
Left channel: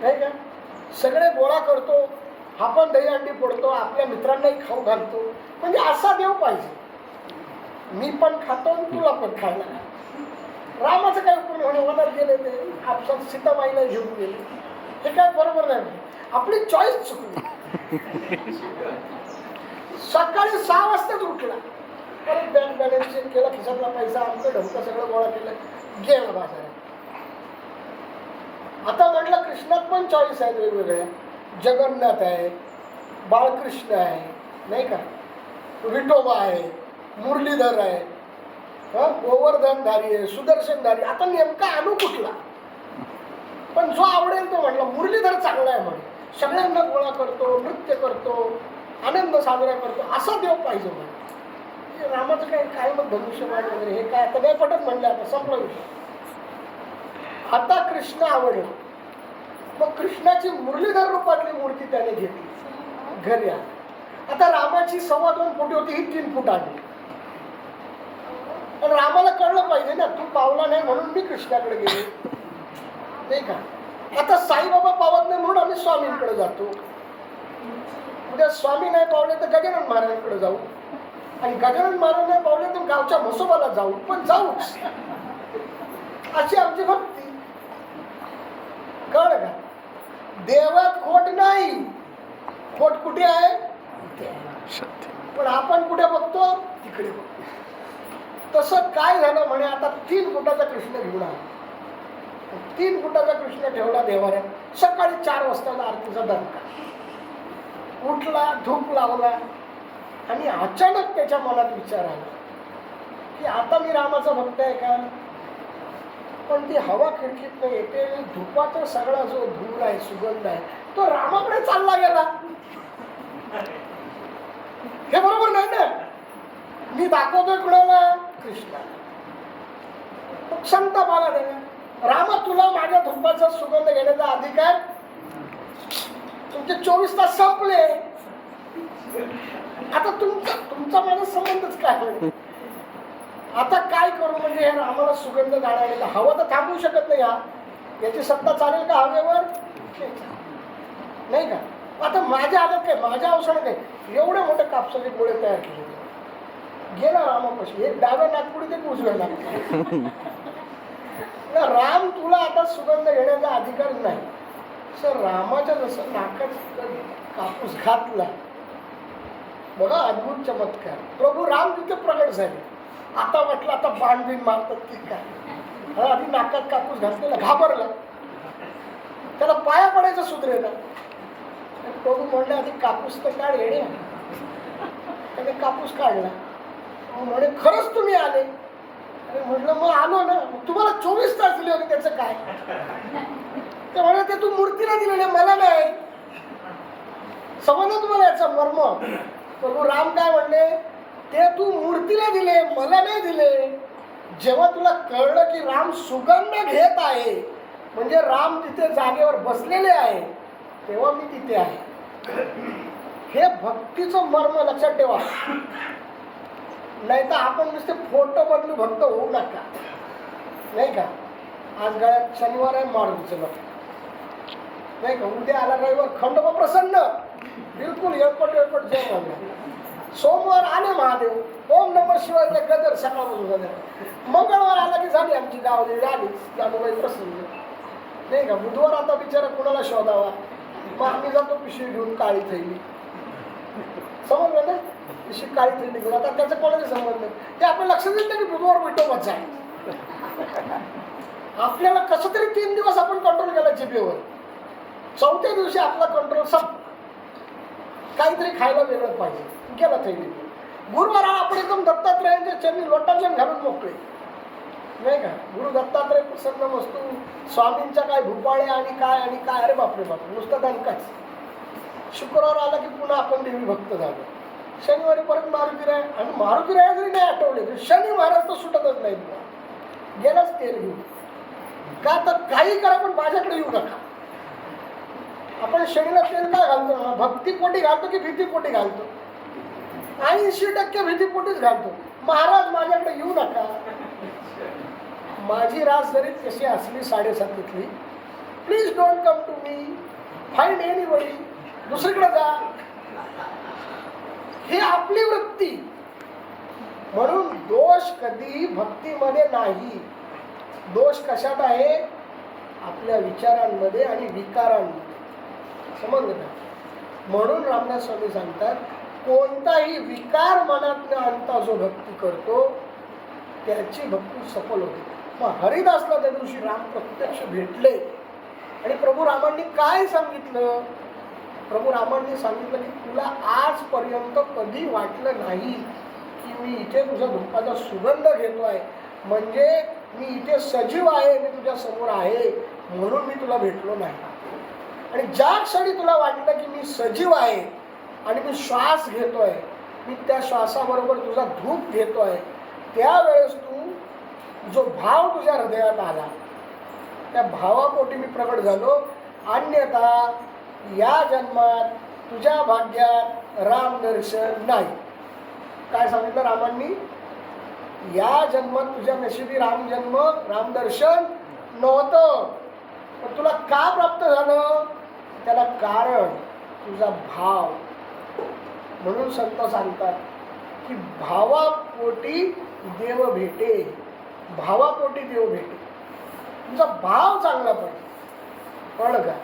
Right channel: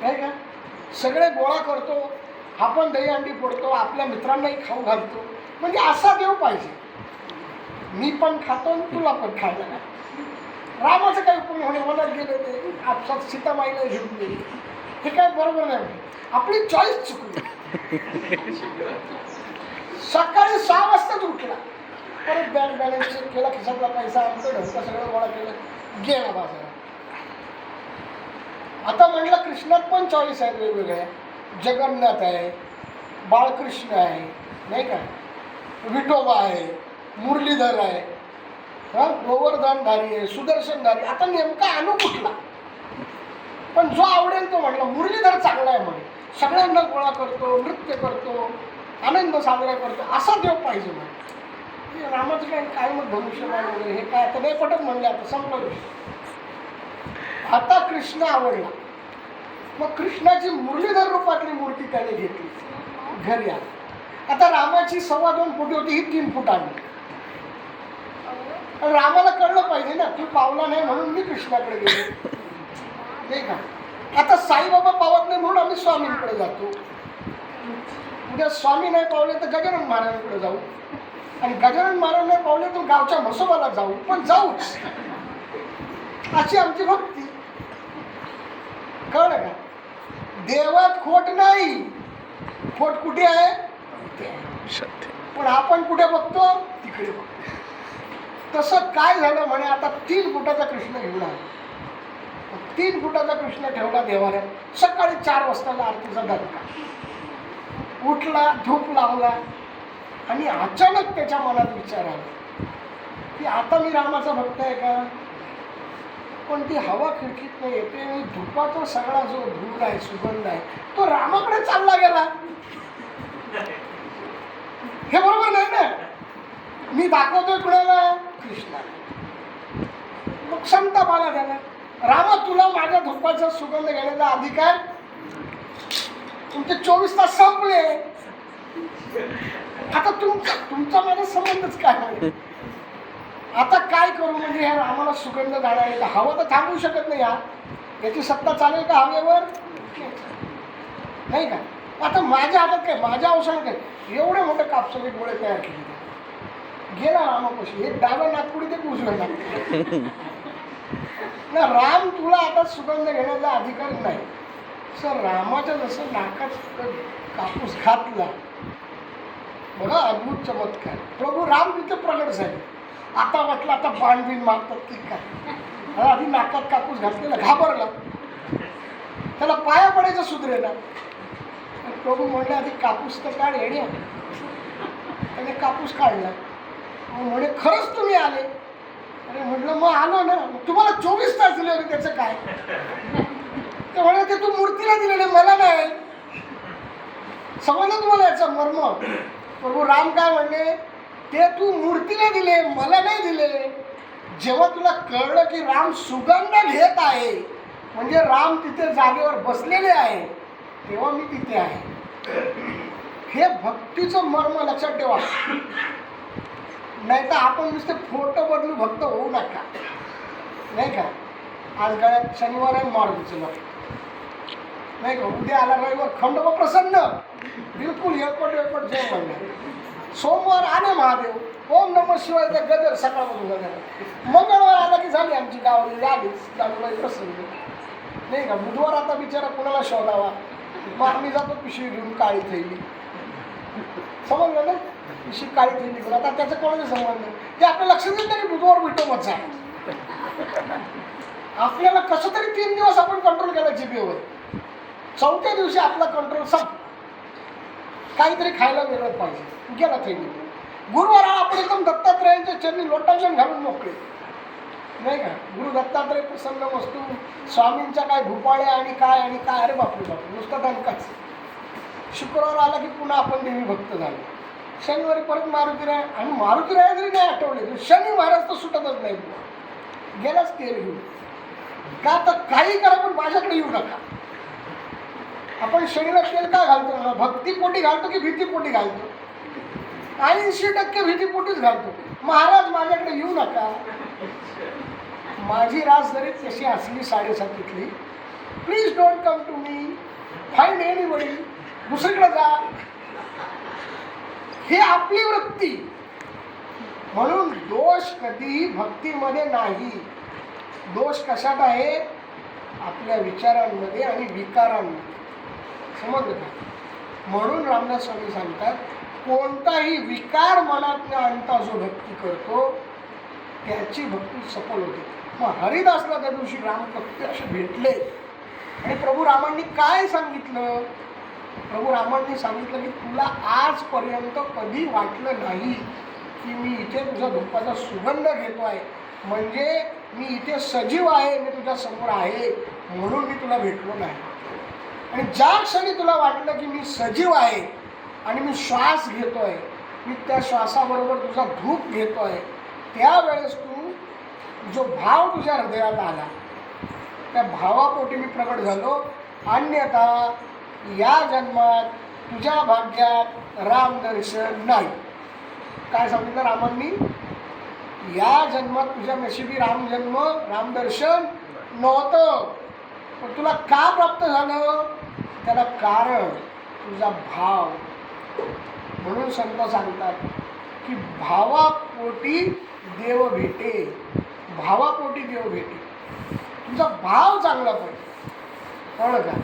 नाही का. सगळे गोळा करतो, आपण दहीहंडी फोडतो, आपल्या मित्रांनाही खाऊ घालतो. म्हणजे असा देव पाहिजे. मी पण खातो, तुला पण खायला नाही. रामाचं काय उपयोग होणे, मनात गेले ते आपसात सीतामाईला घेऊन गेले. हे काय बरोबर नाही. आपली चॉईस चुकली. सकाळी 6 वाजताच उठला, परत बँक बॅलन्स चेक केला, खिशातला पैसा आमचं ढवका सगळं गोळा केलं, गेला बाजारात. आता म्हटलं कृष्णात पण चॉईस आहेत वेगवेगळ्या. जगन्नाथ आहे, बाळकृष्ण आहे नाही का, विठोबा आहे, मुरलीधर आहे, गोवर्धनधारी आहे, सुदर्शनधारी. आता नेमका आणू कुठला? पण जो आवडेल तो म्हटला. मुरलीधर चांगला आहे म्हणे, सगळ्यांना गोळा करतो, नृत्य करतो, आनंद साजरा करतो, असा देव पाहिजे म्हणे. रामाचं काय मग धनुष्यबाण वगैरे हे काय आता नाही पटत म्हणले. आता संपला विषय. आता कृष्ण आवडला. मग कृष्णाची मुरलीधर रूपातली मूर्ती त्याने घेतली, घरी आली. आता रामाची 2.25 फूट होती, ही 3 फूट आणली. पण रामाला कळलं पाहिजे ना, तू पावला नाही म्हणून मी कृष्णाकडे गेलो, नाही का? आता साईबाबा पावत नाही म्हणून आम्ही स्वामींकडे जातो. उद्या स्वामी नाही पावले तर गजानन महाराजांकडे जाऊ, आणि गजानन महाराज नाही पावले तर गावच्या म्हसोबाला जाऊ, पण जाऊच. अशी आमची भक्ती. कळलं का? देवात खोट नाही, खोट कुठे आहे? पण आपण कुठे बघतो? तिकडे बघतो. तसं काय झालं म्हणे, आता 3 फुटाचा कृष्ण घेऊन आला. 3 फुटाचा कृष्ण ठेवला देवाऱ्यात. सकाळी 4 वाजता आरतीचा दणका. उठला, धूप लावला, आणि अचानक त्याच्या मनात विचार आला की आता मी रामाचा भक्त आहे का? पण ती हवा खिडकीत येते, मी धुपाचा सगळा जो धूर आहे, सुगंध आहे, तो रामाकडे चालला गेला. हे बरोबर नाही ना? मी दाखवतोय कुणाला? कृष्णा. मग संतापाला त्याला, रामा तुला माझ्या धुपाचा सुगंध घेण्याचा अधिकार, तुमचे 24 तास संपले. आता तुमचा माझा संबंधच काय? आता काय करू? म्हणजे हे रामाला सुगंध जाणायला हवं तर थांबवू शकत नाही. याची सत्ता चालेल का हवेवर? नाही का? आता माझ्या हातात काय, माझ्या अवसरात काय, एवढे मोठे कापसाचे गोळे तयार केले. गेला रामापाशी, एक डाव्या नागपुडी ते उजव्या नागपुडी. राम तुला आता सुगंध घेण्याचा अधिकार नाही. सर रामाच्या जसं नाकात कापूस घातला, बघा अद्भुत चमत्कार. प्रभू राम तिथे प्रगट झाले. आता वाटलं आता बाणबीण मारतात की काय. आधी नाकात कापूस घातलेला, घाबरला, त्याला पाया पडायचं सुधरेला. प्रभू म्हणले आधी कापूस तर काढ येणे. त्याने कापूस काढला. म्हणे खरंच तुम्ही आले? अरे म्हटलं मग आलो ना. तुम्हाला 24 तास दिले होते, त्याचं काय? ते म्हणे ते तू मूर्तीला दिलेले, मला नाही. समजलं तुम्हाला याचं मर्म? प्रभू राम काय म्हणले, ते तू मूर्तीला दिले, मला नाही दिले. जेव्हा तुला कळलं की राम सुगंध घेत आहे, म्हणजे राम तिथे जागेवर बसलेले आहे, तेव्हा मी तिथे आहे. हे भक्तीचं मर्म लक्षात ठेवा. नाही तर आपण नुसते फोटो बदलू भक्त होऊ नका, नाही का? आज गळ्यात शनिवार आहे, मारुतीचं भक्त, नाही का? उद्या आला रविवार, खंडोबा प्रसन्न, बिलकुल एकपट जय म्हणणार. सोमवार आले महादेव, ओम नमः शिवाय त्या गदर सकाळपासून गदर. मंगळवार आला की झाली आमची गावाला आलीच जाणूबाई प्रसन्न, नाही का? बुधवार आता बिचारा कोणाला शोधावा, मग आम्ही जातो पिशवी घेऊन काळी थैली. समजलं ना? पिशवी काळी थैली घेऊन. आता त्याचं कोणाचे संबंध नाही. ते आपल्या लक्षात येत नाही की बुधवार विठोबाचा आहे. आपल्याला कसं तरी 3 दिवस आपण कंट्रोल केला जिभेवर. 4थ्या दिवशी आपला कंट्रोल काहीतरी खायला वेगळं पाहिजे, गेला थैली. गुरुवार आपण एकदम दत्तात्रयांच्या चरणी लोटांजन घालून मोकळे, नाही का? गुरु दत्तात्रय प्रसन्न वस्तू, स्वामींच्या काय भूपाळ्या आणि काय आणि काय. अरे बापरे बापरे, नुसतं दणकाच. शुक्रवार आला की पुन्हा आपण देवी भक्त झालो. शनिवारी परत मारुतीराय, आणि मारुतीराय जरी नाही आठवले तरी शनी महाराज तर सुटतच नाही. गेलाच तेल घेऊन. का तर काही करा पण माझ्याकडे येऊ नका. आपण शरीला तेल का घालतो ना? भक्तीपोटी घालतो की भीतीपोटी घालतो? 80% भीतीपोटीच घालतो. महाराज माझ्याकडे येऊ नका. माझी रास जरी तशी असली 7:30, please don't come to me, find anybody, दुसरीकडे जा. हे आपली वृत्ती. म्हणून दोष कधीही भक्तीमध्ये नाही. दोष कशात आहे? आपल्या विचारांमध्ये आणि विकारांमध्ये. समजलं का? म्हणून रामदास स्वामी सांगतात, कोणताही विकार मनात न आणता जो भक्ती करतो त्याची भक्ती सफल होते. मग हरिदासला त्या दिवशी राम प्रत्यक्ष भेटले, आणि प्रभू रामांनी काय सांगितलं? प्रभू रामांनी सांगितलं की तुला आजपर्यंत कधी वाटलं नाही की मी इथे तुझा धूपाचा सुगंध घेतो आहे, म्हणजे मी इथे सजीव आहे, मी तुझ्या समोर आहे म्हणून मी तुला भेटलो नाही. आणि ज्या क्षणी तुला वाटलं की मी सजीव आहे आणि मी श्वास घेतोय, मी त्या श्वासाबरोबर तुझा धूप घेतोय, त्यावेळेस तू जो भाव तुझ्या हृदयात आला त्या भावापोटी मी प्रगट झालो. अन्यथा या जन्मात तुझ्या भाग्यात रामदर्शन नाही. काय सांगितलं रामांनी? या जन्मात तुझ्या नशिबी रामदर्शन नव्हतं. पण तुला का प्राप्त झालं? त्याला कारण तुझा भाव. म्हणून संत सांगतात की भावापोटी देव भेटे, भावापोटी देव भेटे. तुमचा भाव चांगला पाहिजे. कळलं का?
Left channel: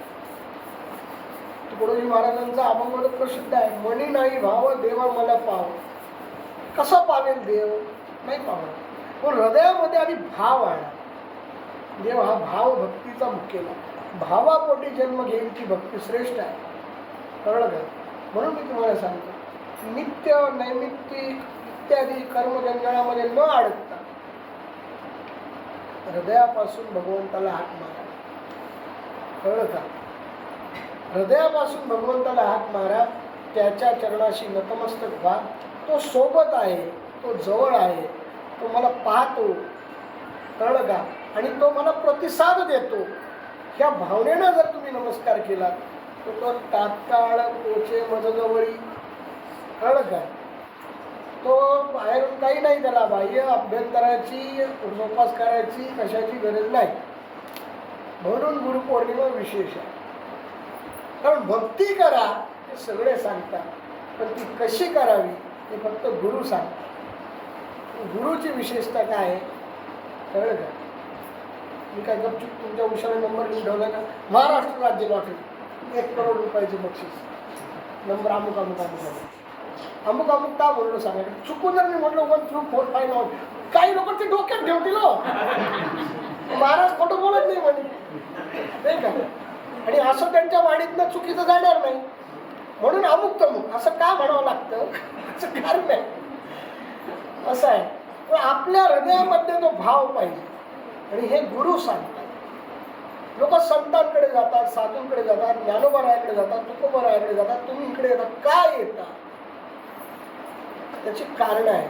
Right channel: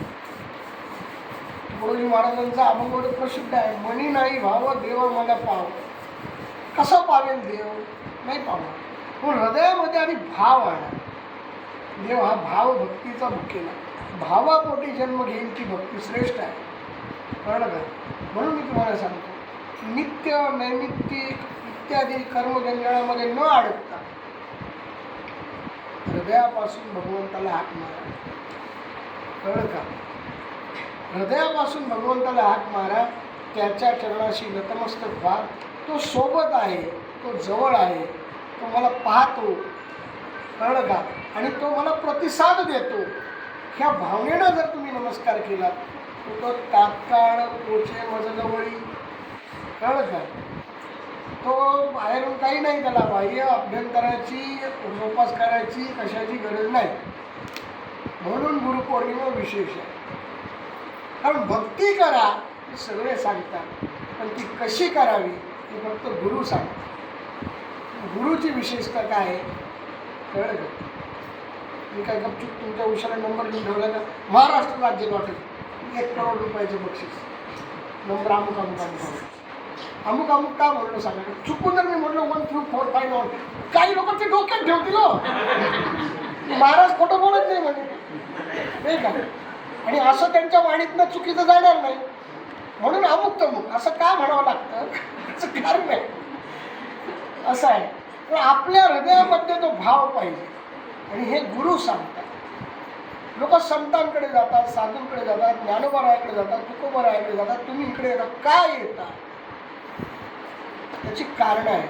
तुकडोजी महाराजांचा अभंग प्रसिद्ध आहे, मनी नाही भाव देव मला पाव. कसं पावेल देव? नाही पावणार. पण हृदयामध्ये आधी भाव आणा. देव हा भाव भक्तीचा मुख्यला. भावापोटी जन्म घेईलची भक्ती श्रेष्ठ आहे. कळलं का? म्हणून मी तुम्हाला सांगतो, नित्य नैमित्तिक इत्यादी कर्मजंजाळामध्ये न अडकता हृदयापासून भगवंताला हाक मारा. कळलं का? हृदयापासून भगवंताला हाक मारा. त्याच्या चरणाशी नतमस्तक व्हा. तो सोबत आहे, तो जवळ आहे, तो मला पाहतो. कळलं का? आणि तो मला प्रतिसाद देतो. ह्या भावनेनं जर तुम्ही नमस्कार केला तो तात्काळ पोचे मजजवळी. कळलं का? तो बाहेरून काही नाही, त्याला बाह्य अभ्यंतराची जोपासकाराची कशाची गरज नाही. म्हणून गुरुपौर्णिमा विशेष आहे. कारण भक्ती करा हे सगळे सांगतात, पण ती कशी करावी हे फक्त गुरु सांगतात. गुरुची विशेषता काय आहे? कळलं का? मी काय गपचूप तुमच्या उशाला नंबर लिहून ठेवला का? महाराष्ट्र राज्य लॉटरी 1 करोड रुपयाचे बक्षीस, नंबर अमुक अमुक अमुक अमुक अमुक का बोललो सांगा. चुकून जर मी म्हटलं 1 through 4 5 9, काही लोक ते डोक्यात ठेवतील हो. महाराज खोटं बोलत नाही म्हणजे, नाही का? आणि असं त्यांच्या वाणीतनं चुकीचं जाणार नाही म्हणून अमुक तमुक असं का म्हणावं लागतं असं कारण नाही. असं आहे. पण आपल्या हृदयामध्ये तो भाव पाहिजे. आणि हे गुरु सांगतात. लोक संतांकडे जातात, साधूंकडे जातात, ज्ञानोबरायाकडे जातात, तुकोबरायाकडे जातात. तुम्ही इकडे येतात. काय येतात? त्याची कारण आहे.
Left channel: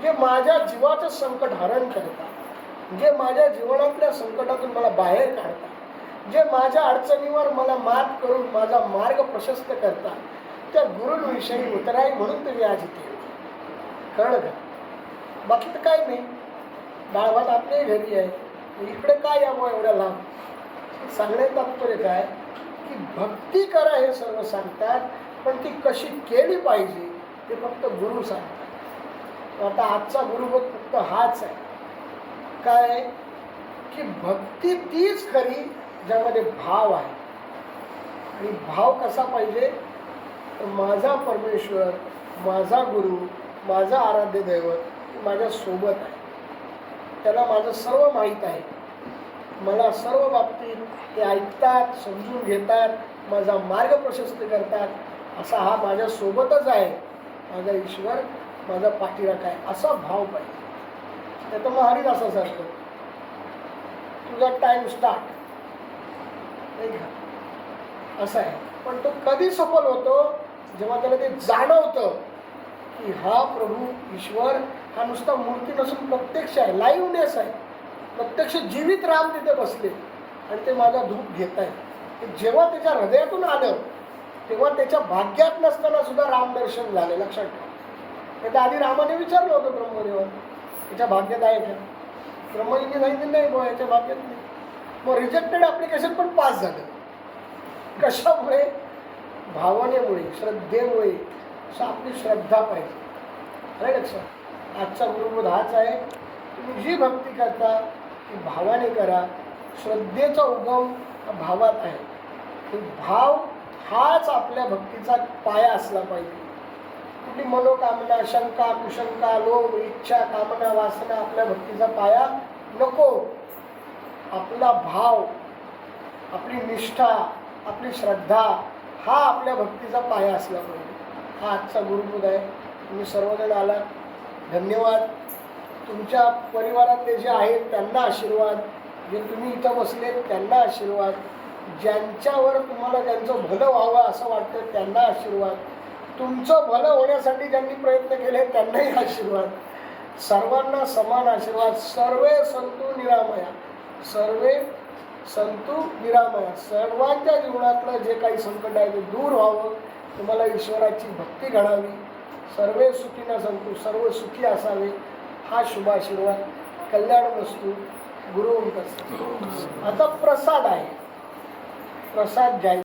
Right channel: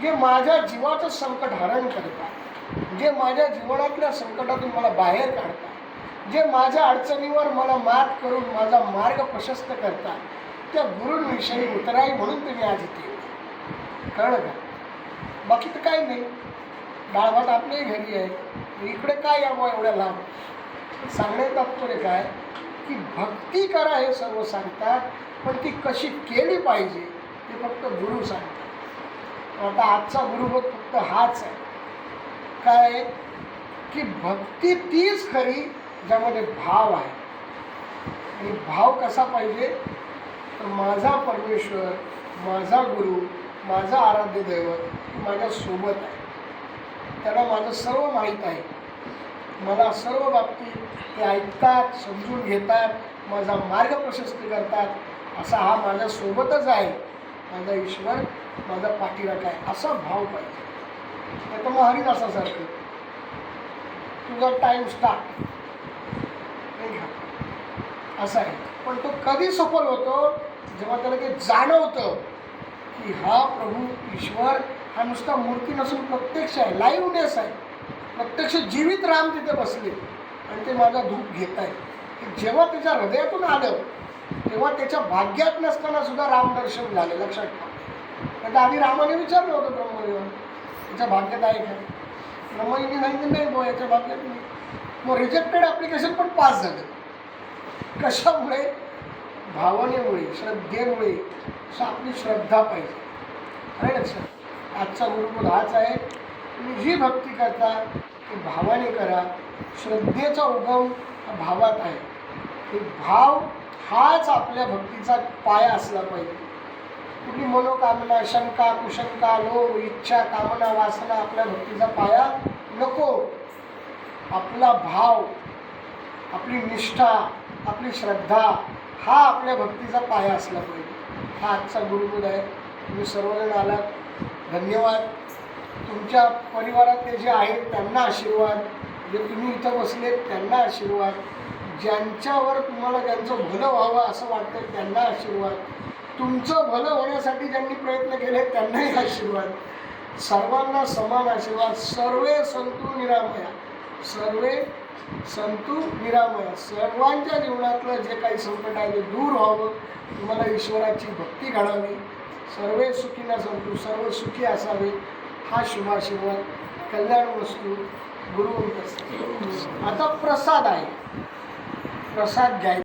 जे माझ्या जीवाचं संकट हरण करतात, जे माझ्या जीवनातल्या संकटातून मला बाहेर काढतात, जे माझ्या अडचणीवर मला मात करून माझा मार्ग प्रशस्त करतात, त्या गुरूंविषयी उतराई म्हणून तुम्ही आज इथे. कळलं का? बाकी तर काही नाही. डाळ भात आपल्याही घरी आहे. इकडे काय यावं एवढ्या लांब? सांगण्याचं तात्पर्य काय की भक्ती करा हे सर्व सांगतात, पण ती कशी केली पाहिजे ते फक्त गुरु सांगतात. आता आजचा गुरुबोध फक्त हाच आहे. काय की भक्ती तीच खरी ज्यामध्ये भाव आहे. आणि भाव कसा पाहिजे? तर माझा परमेश्वर, माझा गुरु, माझा आराध्य दैवत माझ्या सोबत आहे. त्याला माझं सर्व माहीत आहे. मला सर्व बाबतीत ते ऐकतात, समजून घेतात, माझा मार्ग प्रशस्त करतात. असा हा माझ्या सोबतच आहे. माझा ईश्वर माझा पाठीराखा आहे. असा भाव पाहिजे. तर मग हरिदासासारखं तुझा टाइम स्टार्ट नाही का? असं आहे. पण तो कधी सफल होतो? जेव्हा त्याला ते जाणवतं की हा प्रभू ईश्वर हा नुसता मूर्ती नसून प्रत्यक्ष आहे, लाईव्हनेस आहे. प्रत्यक्ष जीवित राम तिथे बसले आणि ते माझा धूप घेत आहे. जेव्हा त्याच्या हृदयातून आलं तेव्हा त्याच्या भाग्यात नसताना सुद्धा रामदर्शन झालं. लक्षात ठेवा. त्याच्या आधी रामाने विचारलं होतं ब्रह्मदेवा, याच्या भाग्यात आहे का? ब्रह्मजीने सांगितलं नाही बुवा, याच्या भाग्यात नाही. मग रिजेक्टेड ॲप्लिकेशन पण पास झालं. कशामुळे? भावनेमुळे, श्रद्धेमुळे. असं आपली श्रद्धा पाहिजे. आहे लक्षात. आजचा गुरुबोध हाच आहे. तुम्ही जी भक्ती करता ती भावाने करा. श्रद्धेचा उगम भावात आहे. हे भाव हाच आपल्या भक्तीचा पाया असला पाहिजे. कुठली मनोकामना, शंका, कुशंका, लोभ, इच्छा, कामना, वासना आपल्या भक्तीचा पाया नको. आपला भाव, आपली निष्ठा, आपली श्रद्धा हा आपल्या भक्तीचा पाया असला पाहिजे. हा आजचा गुरुपूर आहे. तुम्ही सर्वजण आलात, धन्यवाद. तुमच्या परिवारातले जे आहेत त्यांना आशीर्वाद, जे तुम्ही इथं बसलेत त्यांना आशीर्वाद, ज्यांच्यावर तुम्हाला त्यांचं भलं व्हावं असं वाटतं त्यांना आशीर्वाद, तुमचं भलं होण्यासाठी ज्यांनी प्रयत्न केले त्यांनाही आशीर्वाद. सर्वांना समान आशीर्वाद. सर्वे संतु निरामया, सर्वे संतु निरामया. सर्वांच्या जीवनातलं जे काही संकट आहे ते दूर व्हावं, तुम्हाला ईश्वराची भक्ती घडावी, सर्वे सुखीना संतु, सर्व सुखी असावे, हा शुभाशीर्वाद. कल्याण वस्तू गुरु. आता प्रसाद आहे, प्रसाद घ्यायचा.